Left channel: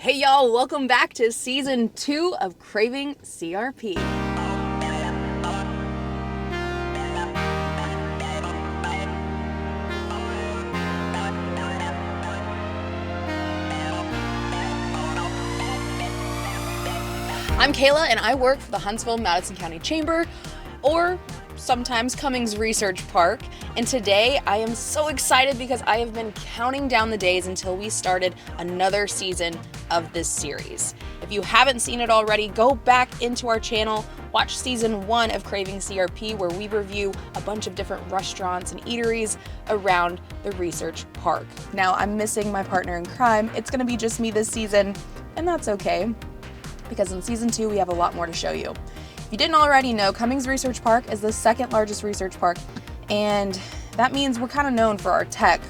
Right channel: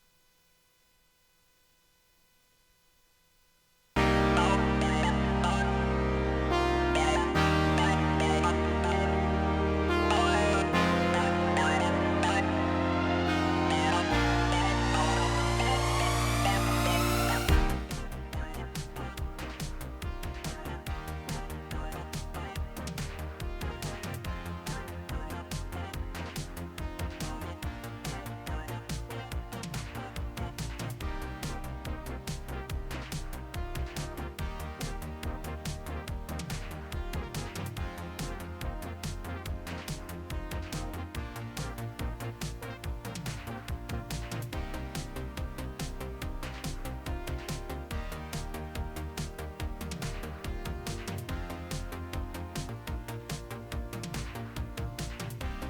Hey y'all, welcome back to season 2 of Craving CRP. I'm Kayla and I work for the Huntsville-Madison County Chamber, or sometimes Cummings Research Park, and today I am so excited because I have been counting down the days until we started another season of this series. If you haven't seen it already, go back into our channel, watch season 1 of Craving CRP, where we review a bunch of different restaurants and eateries around the Research Park. Now, I'm missing my partner in crime. It's gonna be just me this season, and that's okay, because in season 2 we have a lot more to show you. If you didn't already know, Cummings Research Park is the second largest research park, and that means we're kind of known for our tech,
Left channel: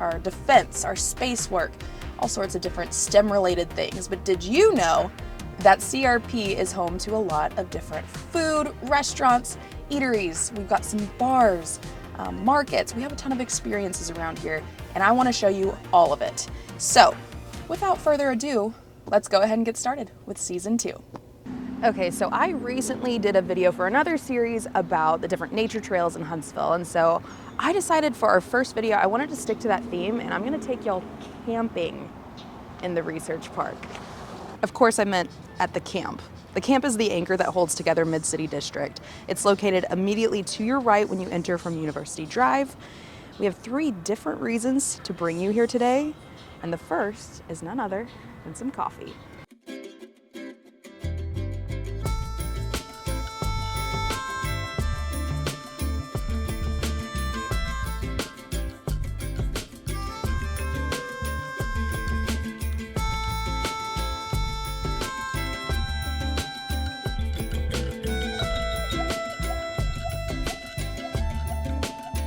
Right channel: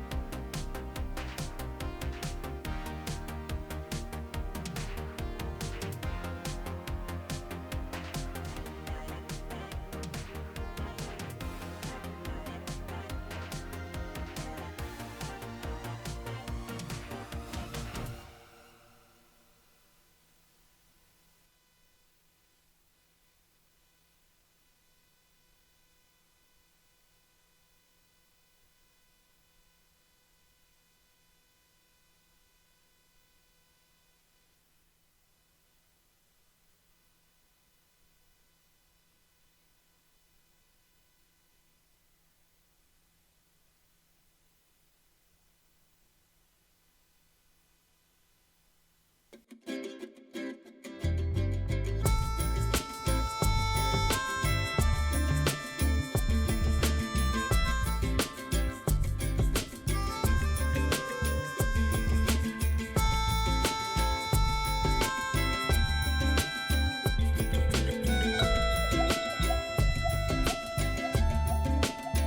our defense, our space work, all sorts of different STEM related things. But did you know that CRP is home to a lot of different food, restaurants, eateries? We've got some bars, markets. We have a ton of experiences around here, and I want to show you all of it. So without further ado, let's go ahead and get started with season 2. Okay, so I recently did a video for another series about the different nature trails in Huntsville, and so I decided for our first video I wanted to stick to that theme, and I'm gonna take y'all camping in the Research Park. Of course I meant at the camp. The camp is the anchor that holds together MidCity District. It's located immediately to your right when you enter from University Drive. We have 3 different reasons to bring you here today, and the first is none other than some coffee.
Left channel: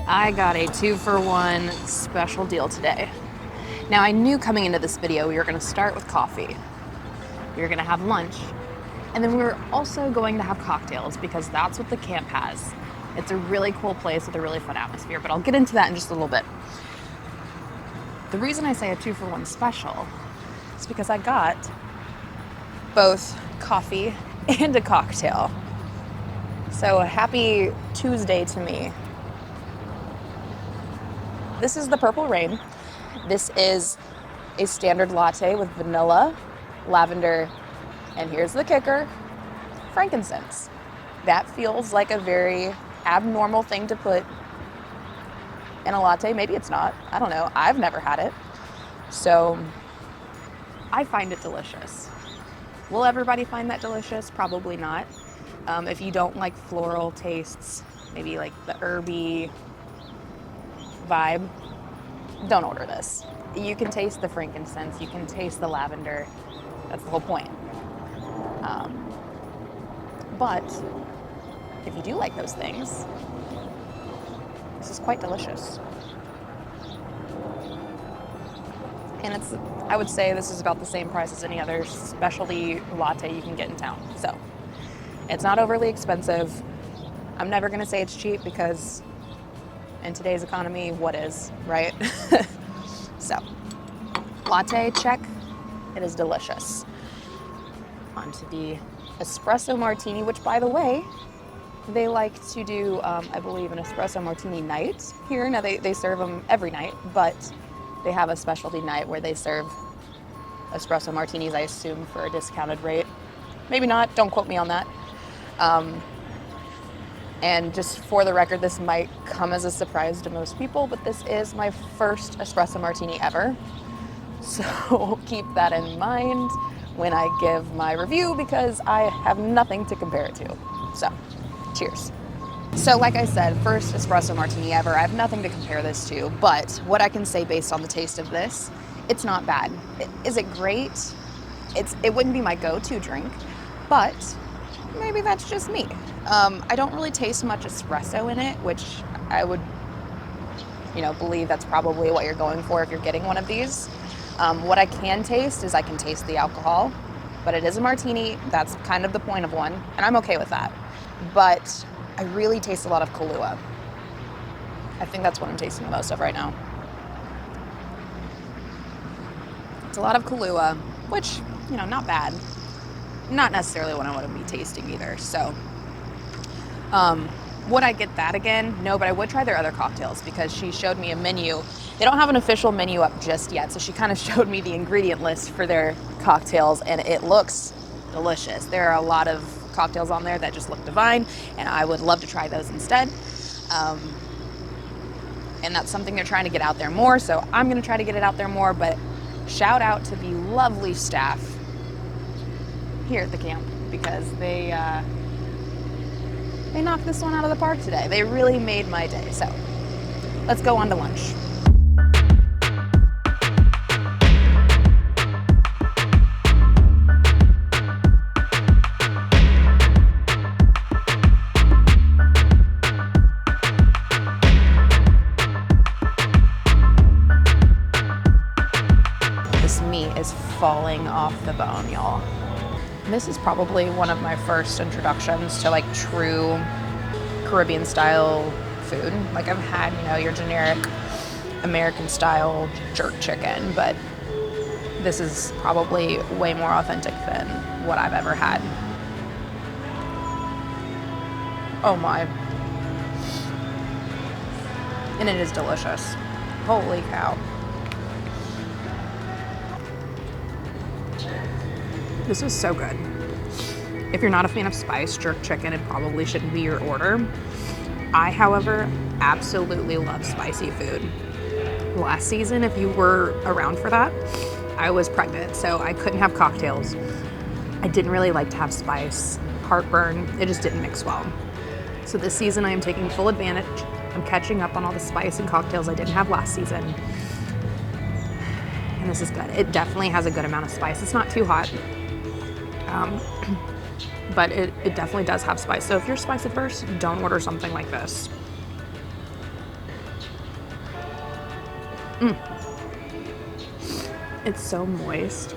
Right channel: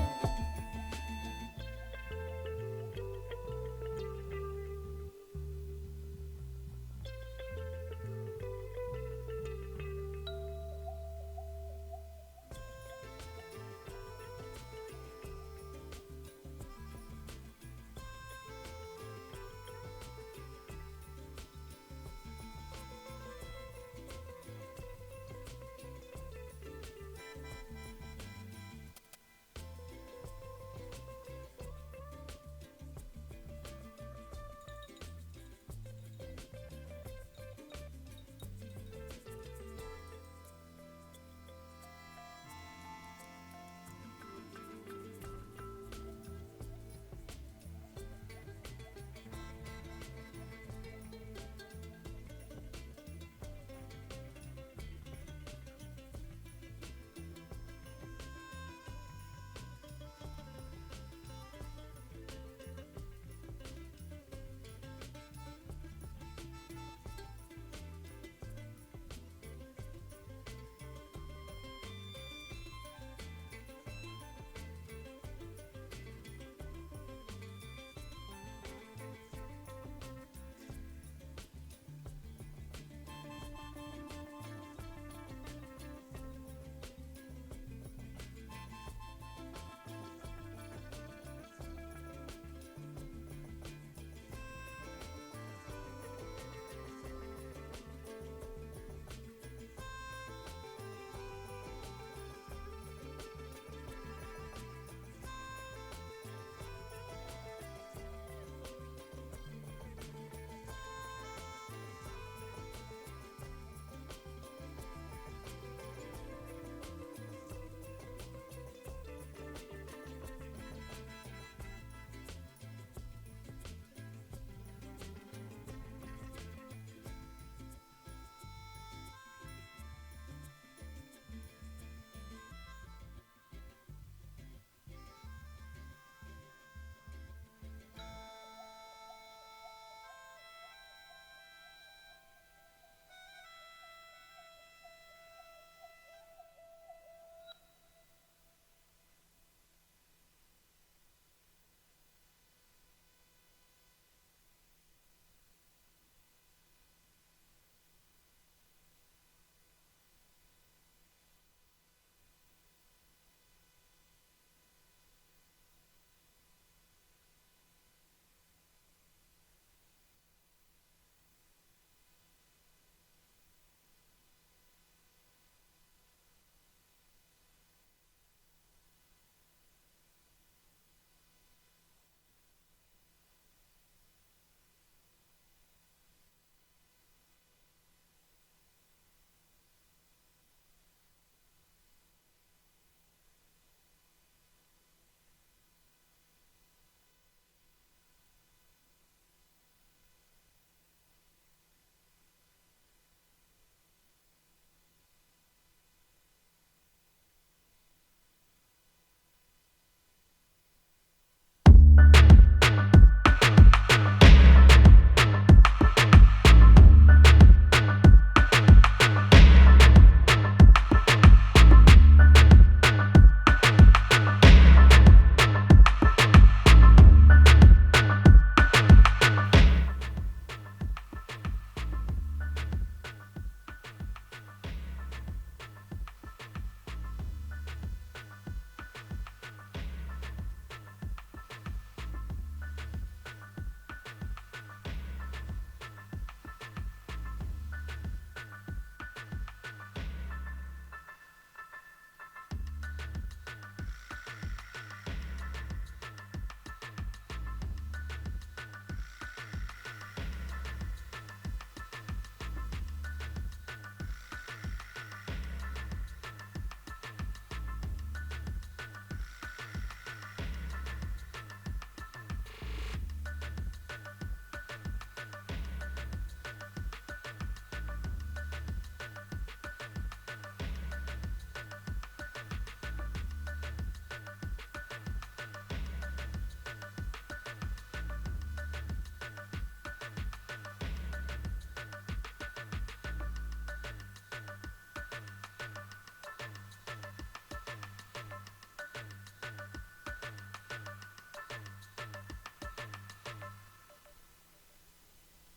I got a 2-for-1 special deal today. Now, I knew coming into this video we were going to start with coffee, we were going to have lunch, and then we were also going to have cocktails because that's what the camp has. It's a really cool place with a really fun atmosphere, but I'll get into that in just a little bit. The reason I say a 2-for-1 special is because I got both coffee and a cocktail. So happy Tuesday to me. This is the Purple Rain. This is a standard latte with vanilla, lavender, and here's the kicker, frankincense. That feels like a very abnormal thing to put in a latte. Maybe it's not, I don't know. I've never had it. So I find it delicious. Will everybody find that delicious? Probably not. If you don't like floral tastes, maybe like the herby vibe, don't order this. You can taste the frankincense, you can taste the lavender. That's the whole point. But if you do like those things, this is quite delicious. And I would say this is about the same price as any other specialty latte you can get in town. So it's not overly expensive. I'm never gonna say it's cheap because in today's economy, what is, right? So, latte, check. It is delicious. On to the espresso martini, which, by the way, they like to do, I believe, an espresso martini night here. Now, they serve them every night, but they have a specialty night where they serve espresso martinis, I assume, for a discounted rate. Maybe not, don't quote me on that. And just for the record, this might come as a surprise to most people, but this is my first espresso martini ever. So keep that in mind when I give my review because I have nothing to compare it to. So, cheers. So like I said, first espresso martini ever. I have nothing to compare this to, but what I can say based on the taste of this, it's not bad. Is it great? It wouldn't be my go-to drink, but maybe that's just me. I don't really taste much espresso in it, which I would, believe that's probably what you're going for if you're getting one of these. What I can taste is I can taste the alcohol, but it is a martini. That's kind of the point of one, and I'm okay with that. But I really taste a lot of Kahlua. I think that's what I'm tasting the most of right now. It's a lot of Kahlua. which, you know, not bad. Not necessarily what I want to be tasting either. So, would I get that again? No, but I would try their other cocktails because she showed me a menu. They don't have an official menu up just yet, so she kind of showed me the ingredient list for their cocktails, and it looks delicious. There are a lot of cocktails on there that just look divine, and I would love to try those instead. And that's something they're trying to get out there more, so I'm gonna try to get it out there more, but shout out to the lovely staff here at the camp because they knocked this one out of the park today. They really made my day. So let's go on to lunch. This meat is falling off the bone, y'all. This is probably one of my first introductions to like true Caribbean style food. Like I've had, you know, your generic American style jerk chicken, but this is probably way more authentic than what I've ever had. Oh my. And it is delicious. Holy cow. This is so good. If you're not a fan of spice, jerk chicken, it probably shouldn't be your order. I, however, absolutely love spicy food. Last season, if you were around for that, I was pregnant, so I couldn't have cocktails. I didn't really like to have spice, heartburn, it just didn't mix well. So this season, I am taking full advantage. I'm catching up on all the spice and cocktails I didn't have last season. And this is good. It definitely has a good amount of spice. It's not too hot. But it definitely does have spice. So if you're spice averse, don't order something like this. It's so moist.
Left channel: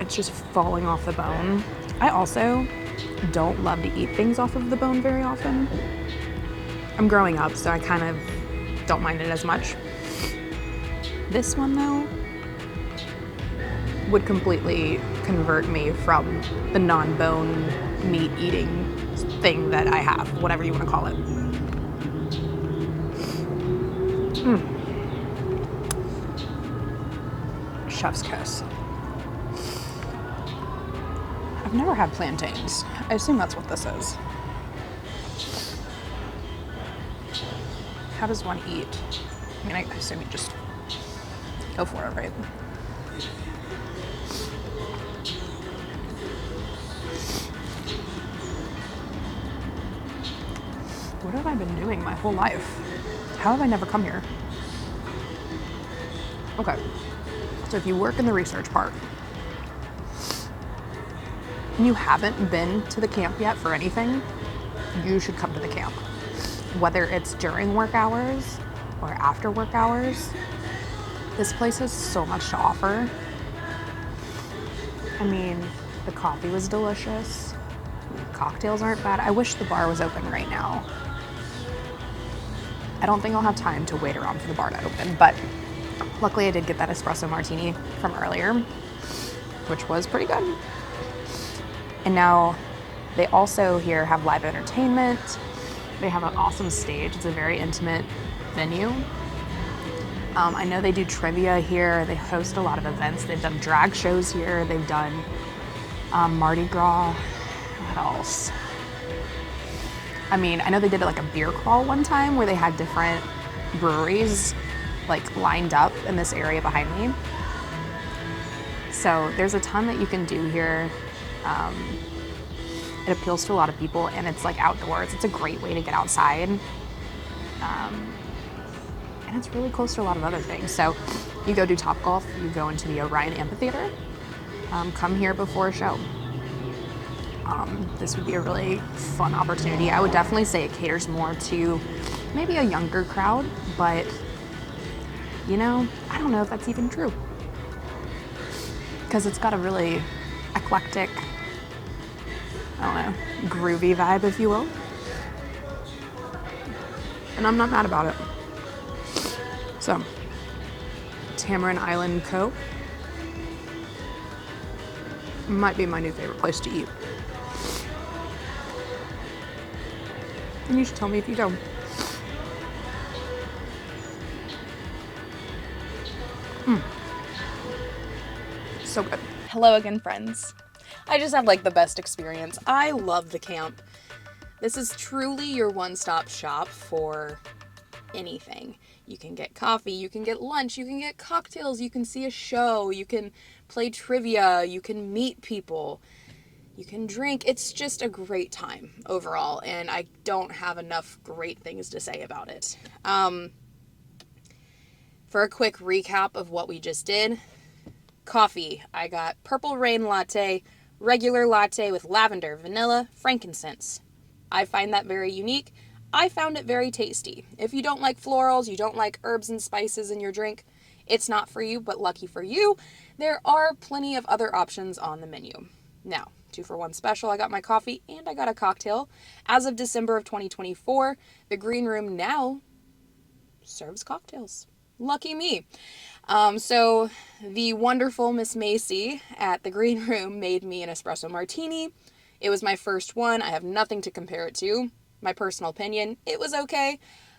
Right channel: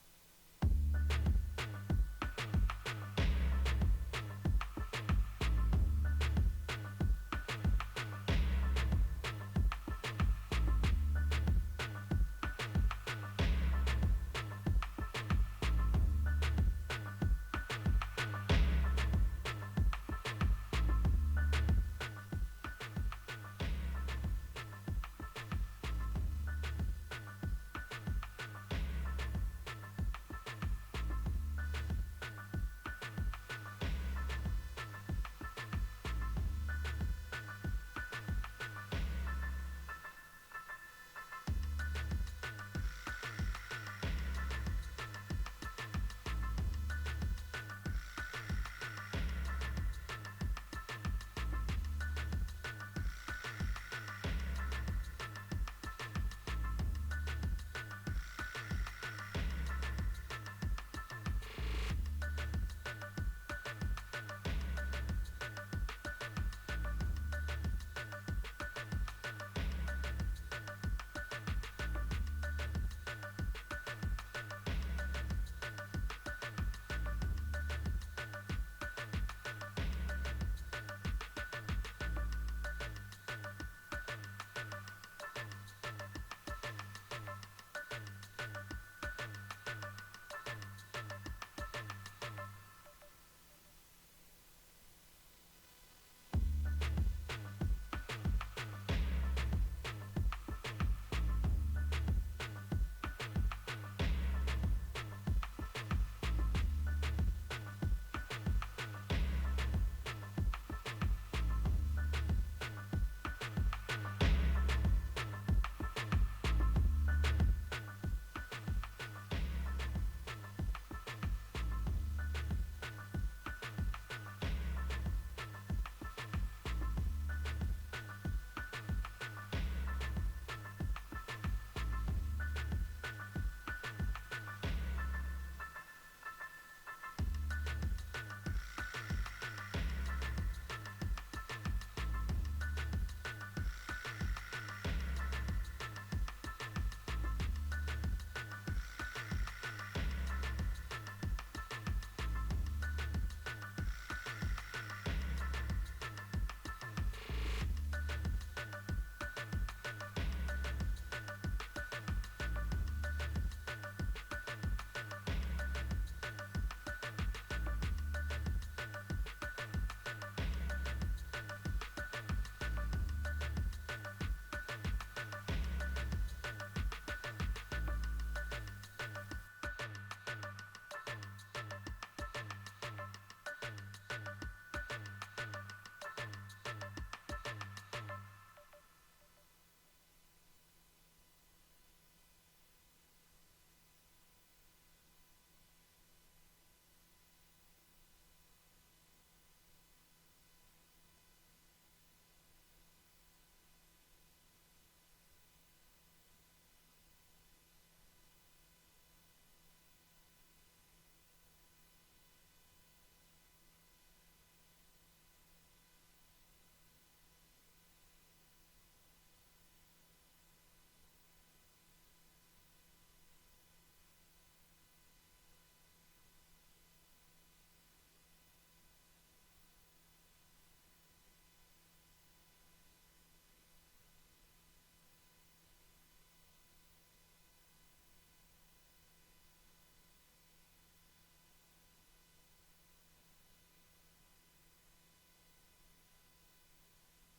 It's just falling off the bone. I also don't love to eat things off of the bone very often. I'm growing up, so I kind of don't mind it as much. This one though, would completely convert me from the non-bone meat eating thing that I have, whatever you want to call it. Chef's kiss. I've never had plantains. I assume that's what this is. How does one eat? I mean, I assume you just go for it, right? What have I been doing my whole life? How have I never come here? Okay, so if you work in the research park and you haven't been to the camp yet for anything, you should come to the camp. Whether it's during work hours or after work hours, this place has so much to offer. I mean, the coffee was delicious. The cocktails aren't bad. I wish the bar was open right now. I don't think I'll have time to wait around for the bar to open, but luckily I did get that espresso martini from earlier, which was pretty good. And now they also here have live entertainment. They have an awesome stage. It's a very intimate venue. I know they do trivia here. They host a lot of events. They've done drag shows here. They've done Mardi Gras. What else? I mean, I know they did like a beer crawl one time where they had different breweries like lined up in this area behind me. So there's a ton that you can do here. It appeals to a lot of people and it's like outdoors. It's a great way to get outside. And it's really close to a lot of other things. So you go do Topgolf, you go into the Orion Amphitheater, come here before a show. This would be a really fun opportunity. I would definitely say it caters more to maybe a younger crowd, but you know, I don't know if that's even true. Because it's got a really eclectic, I don't know, groovy vibe, if you will. And I'm not mad about it. So, Tamarind Island Co. Might be my new favorite place to eat. And you should tell me if you go. So good. Hello again, friends. I just had like the best experience. I love the camp. This is truly your one-stop shop for anything. You can get coffee, you can get lunch, you can get cocktails, you can see a show, you can play trivia, you can meet people, you can drink. It's just a great time overall, and I don't have enough great things to say about it. For a quick recap of what we just did, coffee, I got Purple Rain latte, regular latte with lavender, vanilla, frankincense. I find that very unique. I found it very tasty. If you don't like florals, you don't like herbs and spices in your drink, it's not for you, but lucky for you, there are plenty of other options on the menu. Now, 2-for-1 special, I got my coffee and I got a cocktail. As of December of 2024, the Greenroom now serves cocktails. Lucky me. So the wonderful Miss Macy at the Greenroom made me an espresso martini. It was my first one. I have nothing to compare it to. My personal opinion, it was okay.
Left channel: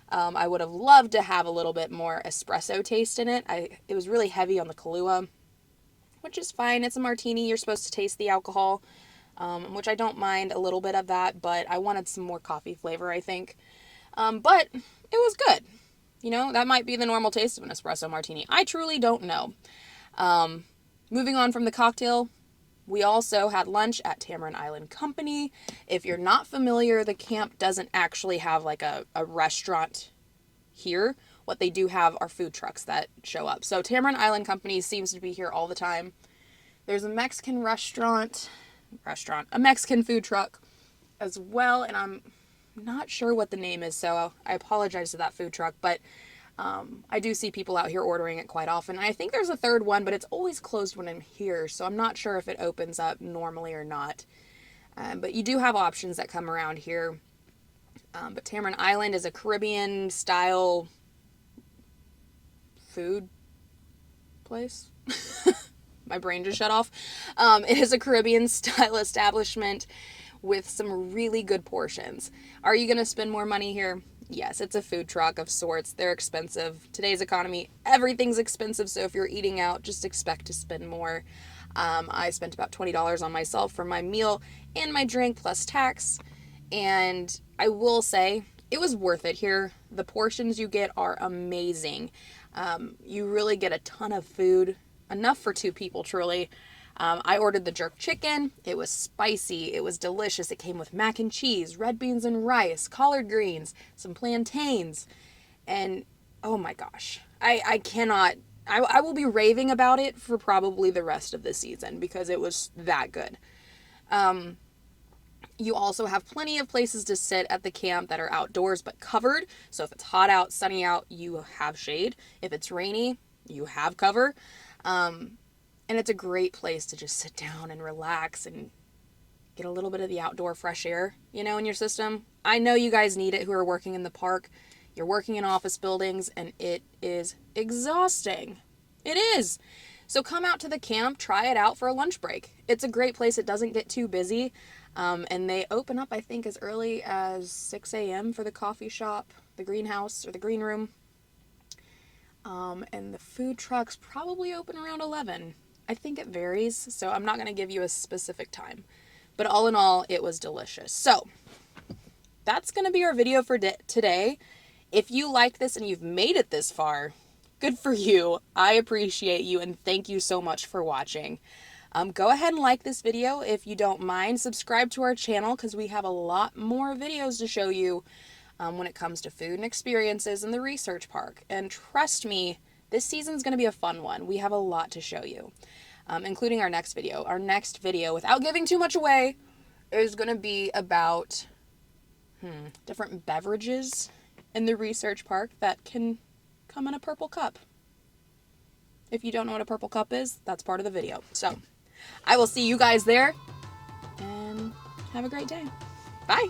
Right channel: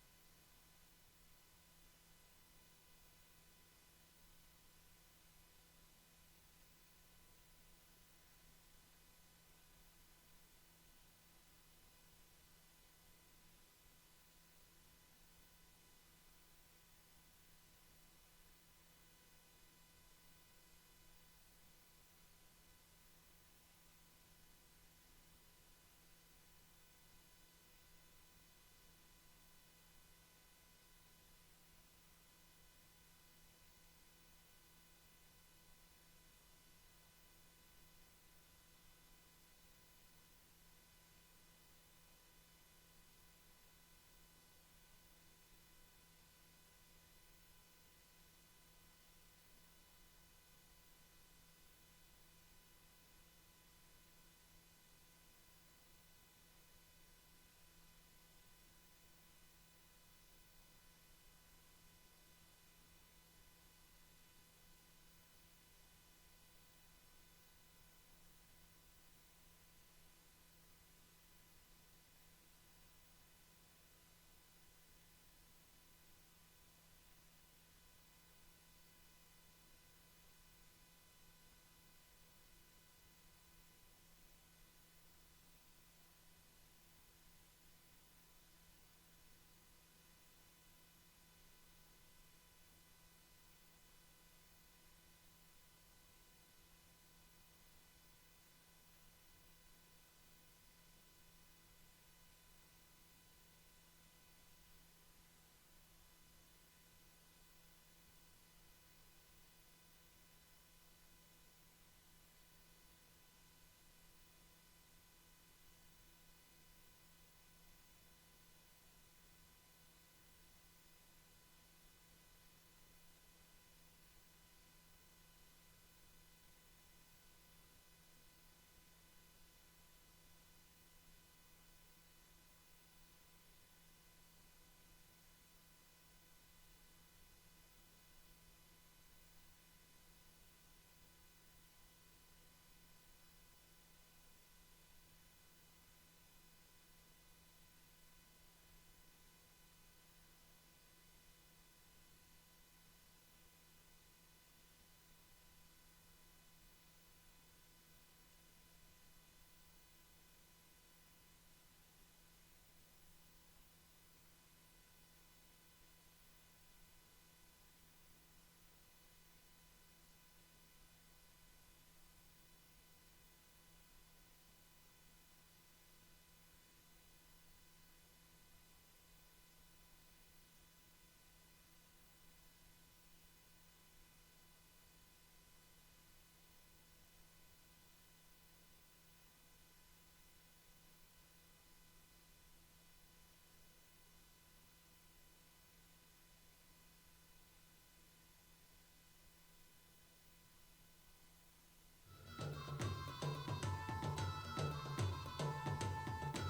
I would have loved to have a little bit more espresso taste in it. It was really heavy on the Kahlua, which is fine. It's a martini. You're supposed to taste the alcohol, which I don't mind a little bit of that, but I wanted some more coffee flavor, I think. But it was good. You know, that might be the normal taste of an espresso martini. I truly don't know. Moving on from the cocktail, we also had lunch at Tamarind Island Company. If you're not familiar, the camp doesn't actually have like a restaurant here. What they do have are food trucks that show up. So Tamarind Island Company seems to be here all the time. There's a Mexican a Mexican food truck as well, and I'm not sure what the name is, so I apologize to that food truck, but I do see people out here ordering it quite often. I think there's a third one, but it's always closed when I'm here, so I'm not sure if it opens up normally or not. But you do have options that come around here. But Tamarind Island is a Caribbean-style food place. My brain just shut off. It is a Caribbean-style establishment with some really good portions. Are you going to spend more money here? Yes, it's a food truck of sorts. They're expensive. Today's economy, everything's expensive, so if you're eating out, just expect to spend more. I spent about $20 on myself for my meal and my drink plus tax, and I will say it was worth it here. The portions you get are amazing. You really get a ton of food, enough for 2 people, truly. I ordered the jerk chicken. It was spicy. It was delicious. It came with mac and cheese, red beans and rice, collard greens, some plantains, and oh my gosh, I cannot, I will be raving about it for probably the rest of the season because it was that good. You also have plenty of places to sit at the camp that are outdoors but covered. So if it's hot out, sunny out, you have shade. If it's rainy, you have cover. And it's a great place to just sit down and relax and get a little bit of the outdoor fresh air, you know, in your system. I know you guys need it who are working in the park. You're working in office buildings, and it is exhausting. It is. So come out to the camp, try it out for a lunch break. It's a great place. It doesn't get too busy. And they open up, I think, as early as 6 a.m. for the coffee shop, the greenhouse, or the green room. And the food trucks probably open around 11. I think it varies, so I'm not going to give you a specific time. But all in all, it was delicious. So, that's going to be our video for today. If you liked this and you've made it this far, good for you. I appreciate you, and thank you so much for watching. Go ahead and like this video if you don't mind. Subscribe to our channel because we have a lot more videos to show you when it comes to food and experiences in the research park. And trust me, this season's going to be a fun one. We have a lot to show you, including our next video. Our next video, without giving too much away, is going to be about different beverages in the research park that can come in a purple cup. If you don't know what a purple cup is, that's part of the video. So, I will see you guys there, and have a great day. Bye!